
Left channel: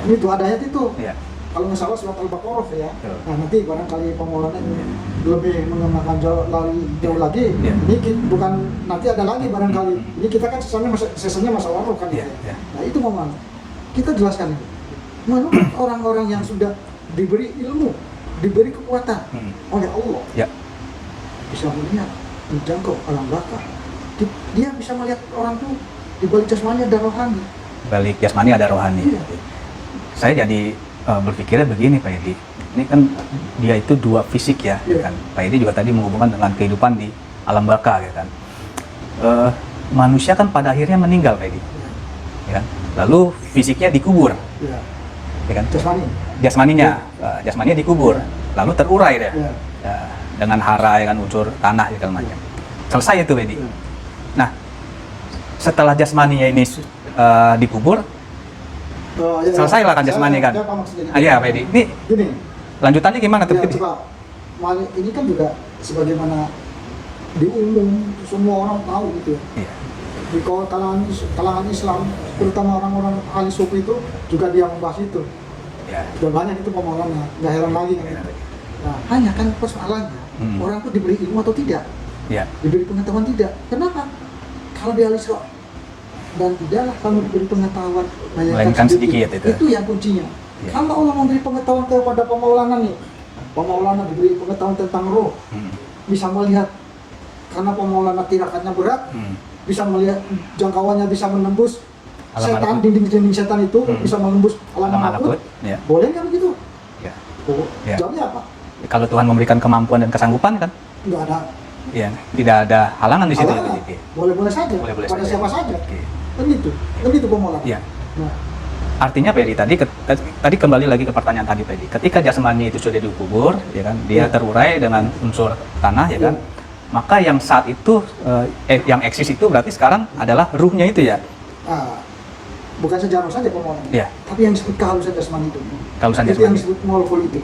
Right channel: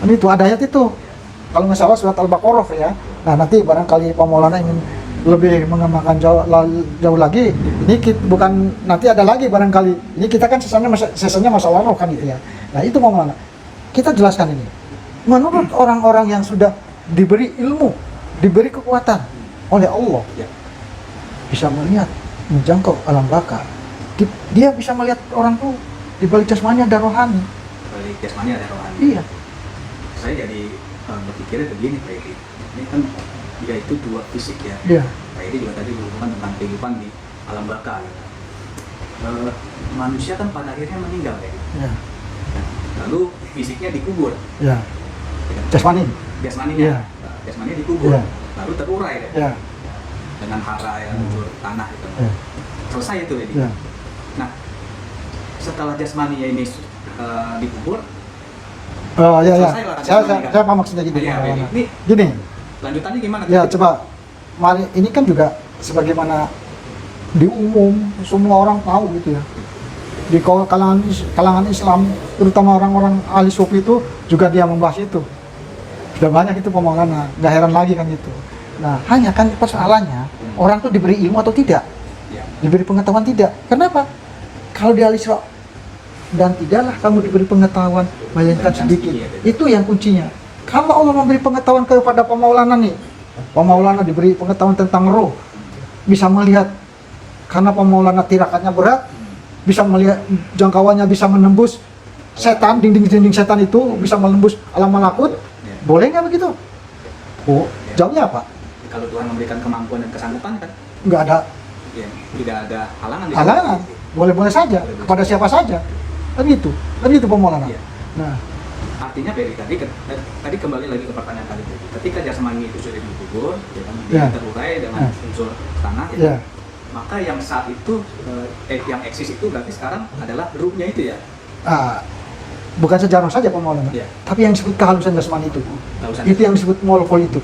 Kan itu ada ayat itu. Iya. Kalau nggak salah surat Al-Baqarah ya. Nah, nanti barangkali Pak Maulana ingin lebih mengembangkan jauh lagi. Iya. Ini bukan nanti ada lagi barangkali. Ini kita kan sesanya masalah roh kan gitu ya. Iya. Nah, itu Pak Maulana. Kita jelaskan ini. Menurut orang-orang yang sudah diberi ilmu, diberi kekuatan oleh Allah, Ya. bisa melihat, menjangkau alam baka. Dia bisa melihat orang tuh di balik jasmani ada rohani. Balik jasmani ada rohani. Iya. Saya jadi berpikirnya begini Pak Edi. Ini kan dia itu dua fisik ya. Iya. Kan? Pak Edi juga tadi menghubungkan dengan kehidupan di alam baka ya kan. Manusia kan pada akhirnya meninggal Pak Edi. Ya. Ya. Lalu fisiknya dikubur, Ya. ya kan? Jasmani. Jasmaninya, jasmaninya dikubur, Iya. lalu terurai deh. Ya. Ya, dengan hara ya kan, unsur tanah ya kan. Iya. Selesai itu Pak Edi. Ya. Nah, setelah jasmaninya ini dikubur, Ya, selesai lah kan jasmani kan. Saya apa maksudnya gitu? Iya Pak Edi. Ini Gini, lanjutannya gimana tuh? ya Pak Edi? coba. Mari, ini kan juga sebagaimana di umum semua orang tahu gitu ya. Di kalangan Islam, terutama orang-orang ahli sufi itu juga dia membahas itu. Ya. Sudah banyak itu pemahaman, nggak heran lagi kan itu. Nah, hanya kan persoalannya orang tuh diberi ilmu atau tidak, Ya. diberi pengetahuan tidak. Kenapa? Kalau di Al-Isra dan tidaklah kamu diberi pengetahuan melainkan Melainkan sedikit. sedikit, itu. Itu yang kuncinya. Kalau Allah memberi pengetahuan kepada Pemaulana nih, Pemaulana diberi pengetahuan tentang roh, bisa melihat karena Pemaulana tirakatnya berat, bisa melihat jangkauannya bisa menembus Alam setan, malakut. dinding-dinding setan itu bisa menembus alam malakut. Ya. Boleh nggak begitu? Ya. Oh, Ya. jawabnya apa? Kalau Tuhan memberikan kemampuan dan kesanggupan kan, Nggak ada ya tidak ada halangan di situ. halangan. Boleh-boleh saja, Boleh-boleh kepada saja. siapa saja. Oke. Kan gitu Pemaulana. Ya. Nah, Artinya Pak Edi, tadi kembali lagi ke pertanyaan tadi Pak Edi. Ketika jasmani itu sudah dikubur, ya kan, dia Ya. terurai dengan unsur tanah, ya kan. Ya. Maka yang saat itu yang eksis itu berarti sekarang adalah ruhnya itu ya. bukan sejarah saja Pemaulana, Ya. tapi yang disebut kehalusan jasmani itu. Kehalusan Itu yang jasmani. disebut molekul itu.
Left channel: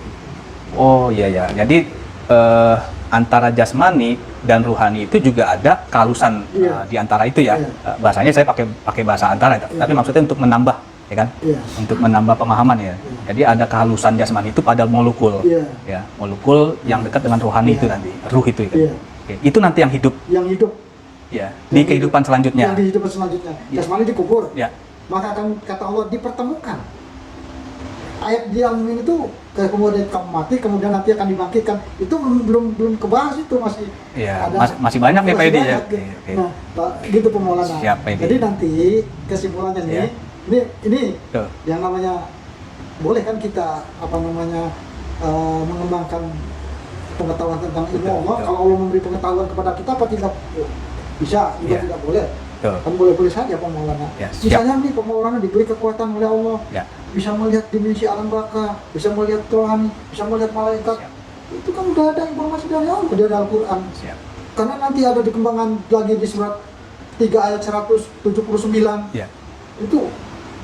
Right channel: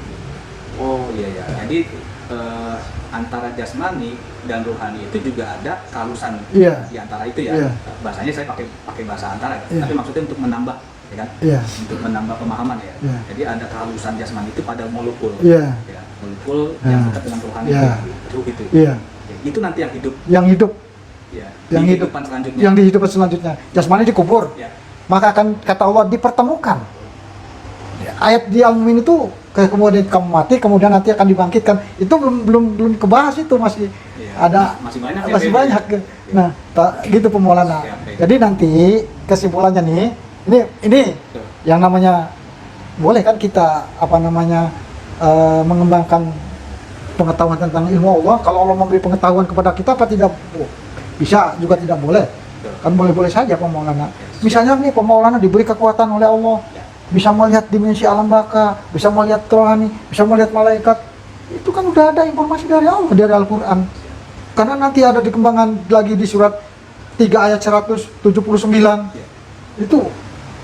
Oh iya ya. Jadi antara jasmani dan rohani itu juga ada kehalusan Iya. di antara itu ya. Iya. Bahasanya saya pakai bahasa antara, Iya. tapi maksudnya untuk menambah ya kan? Iya. Untuk menambah pemahaman ya. Iya. Jadi ada kehalusan jasmani itu pada molekul. Iya. Ya, molekul yang Nah. dekat dengan rohani itu Iya. nanti, ruh itu. Iya. Oke, itu nanti yang hidup Yang hidup, ya Yang di kehidupan selanjutnya. yang di kehidupan selanjutnya. Jasmani dikubur. Ya. Maka akan kata Allah dipertemukan. Ya. Ayat di Al-Mu'min itu kemudian kamu mati, kemudian nanti akan dibangkitkan. Itu belum kebahas itu masih Iya, ada masih banyak nih, masih Pak Edi, banyak. ya. Nah, gitu pemulangan. Siap, Pak Edi. Jadi nanti kesimpulannya nih, ini Tuh. yang namanya boleh kan kita mengembangkan pengetahuan tentang ilmu Allah. Kalau Allah memberi pengetahuan kepada kita apa tidak bisa juga Ya. tidak boleh. Tuh. Kan boleh-boleh saja pemaulana. Ya, siap. Misalnya nih pemaulana diberi kekuatan oleh Allah, Ya. bisa melihat dimensi alam baka, bisa melihat rohani, bisa melihat malaikat. Itu kan udah ada informasi dari Allah, dari Al-Quran. Siap. Karena nanti ada dikembangkan lagi di surat 3 ayat 179. Ya. Itu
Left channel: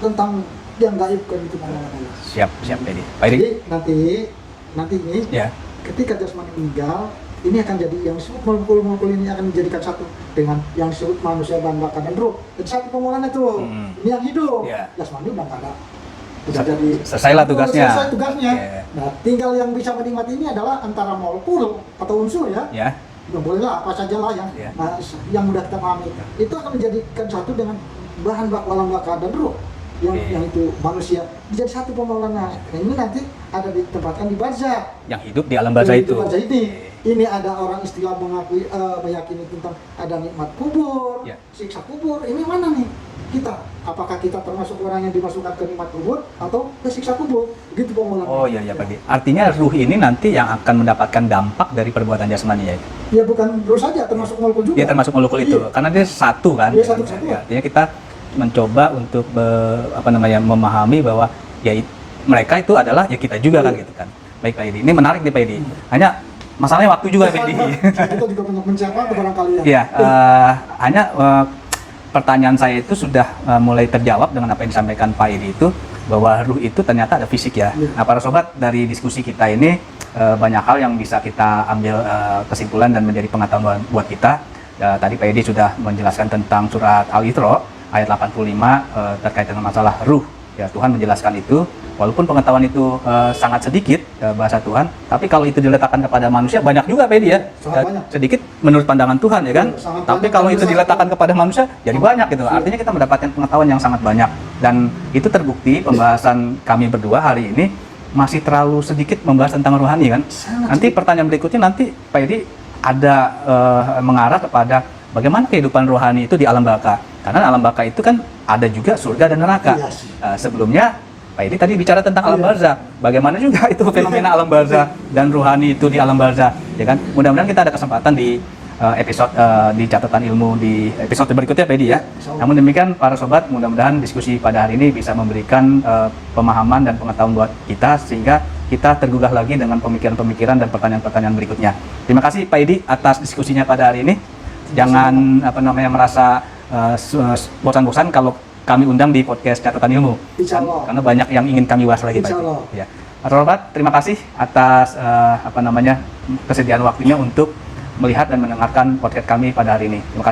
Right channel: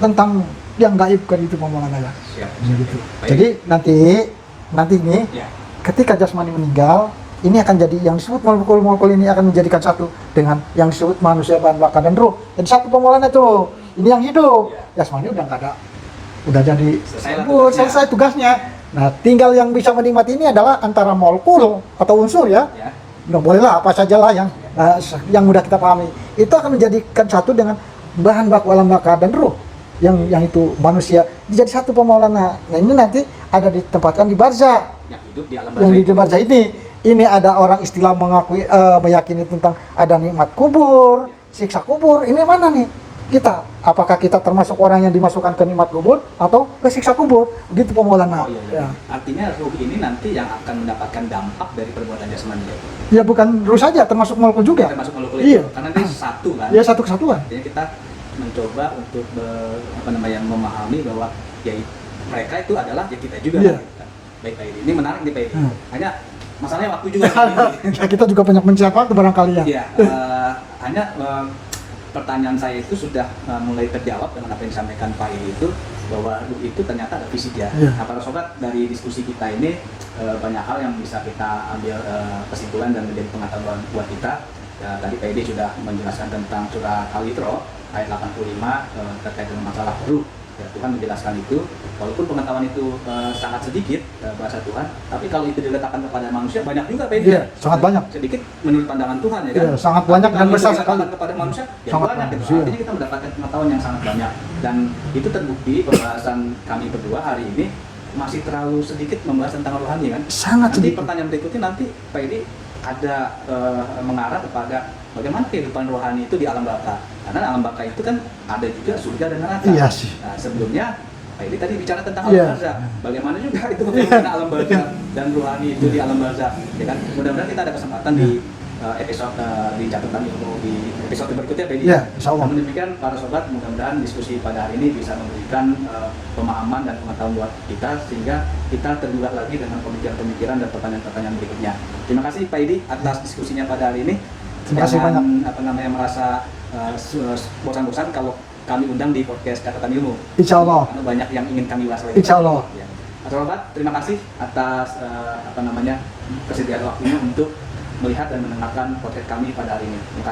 tentang yang gaib kan itu pemaulana. Siap, Pak Edi. Pak Edi. Jadi nanti ini Ya. ketika jasmani meninggal, ini akan jadi yang disebut molekul-molekul ini akan menjadikan satu dengan yang disebut manusia, bahan bakar dan roh. Jadi satu pemaulana tuh. Ini yang hidup. Ya. Jasmani udah nggak ada. Udah jadi Selesailah tugasnya. selesai tugasnya. Ya. Nah, tinggal yang bisa menikmati ini adalah antara molekul atau unsur ya. Ya. Nggak boleh lah apa saja lah yang Ya. yang mudah kita pahami. Itu akan menjadikan satu dengan bahan baku alam bakar dan roh. Yang itu manusia jadi satu pemaulana. Nah, ini nanti ada ditempatkan di barzah. Yang hidup di alam Yang barzah di itu. barzah ini ada orang istilah meyakini tentang ada nikmat kubur, Ya. siksa kubur. Ini mana nih kita? Apakah kita termasuk orang yang dimasukkan ke nikmat kubur atau ke siksa kubur? Gitu pemaulana. Oh iya, Pak Edi. Artinya ruh ini nanti yang akan mendapatkan dampak dari perbuatan jasmani ya. Ya bukan ruh saja, termasuk molekul juga. Dia termasuk molekul itu. Iya. Karena dia satu kan. Dia satu kesatuan. Artinya kita mencoba untuk memahami bahwa ya mereka itu adalah ya kita juga kan Iya. gitu kan. Baik Pak Edi. Ini menarik nih Pak Edi. Hanya masalahnya waktu juga Pak Edi. Nah, kita juga banyak mencari waktu barangkali ya. Iya, hanya pertanyaan saya itu sudah mulai terjawab dengan apa yang disampaikan Pak Edi itu, bahwa ruh itu ternyata ada fisik ya. Iya. Nah, para sobat, dari diskusi kita ini banyak hal yang bisa kita ambil kesimpulan dan menjadi pengetahuan buat kita. Tadi Pak Edi sudah menjelaskan tentang surat Al-Isra ayat 85 terkait dengan masalah ruh. Ya, Tuhan menjelaskan itu, walaupun pengetahuan itu sangat sedikit bahasa Tuhan, tapi kalau itu diletakkan kepada manusia banyak juga Pak Edi ya. Iya, sangat banyak. Sedikit menurut pandangan Tuhan ya kan. Iya, sangat Tapi banyak kalau dan itu besar diletakkan sekali. kepada manusia jadi Sangat banyak gitu. banyak. Artinya kita mendapatkan pengetahuan yang sangat banyak, dan itu terbukti pembahasan kami berdua hari ini masih terlalu sedikit membahas tentang rohani kan. Sangat Nanti sedikit. pertanyaan berikutnya nanti Pak Edi ada mengarah kepada bagaimana kehidupan rohani itu di alam baka. Karena alam baka itu kan ada juga surga dan neraka. Iya sih. Sebelumnya Pak Edi tadi bicara tentang alam Iya. barzah. Bagaimana juga itu fenomena alam barzah dan rohani itu di alam barzah, ya kan? Mudah-mudahan kita ada kesempatan di episode di catatan ilmu di episode berikutnya Pak Edi Ya, ya. insya Allah. Namun demikian para sobat, mudah-mudahan diskusi pada hari ini bisa memberikan pemahaman dan pengetahuan buat kita, sehingga kita tergugah lagi dengan pemikiran-pemikiran dan pertanyaan-pertanyaan berikutnya. Terima kasih Pak Edi atas diskusinya pada hari ini. Terima kasih Jangan merasa bosan-bosan kalau kami undang di podcast catatan ilmu. Insya Allah. Karena banyak yang ingin kami bahas lagi. Pak. Insya Allah. Ya. Pak Sobat, terima kasih atas kesediaan waktunya untuk melihat dan mendengarkan podcast kami pada hari ini. Terima kasih.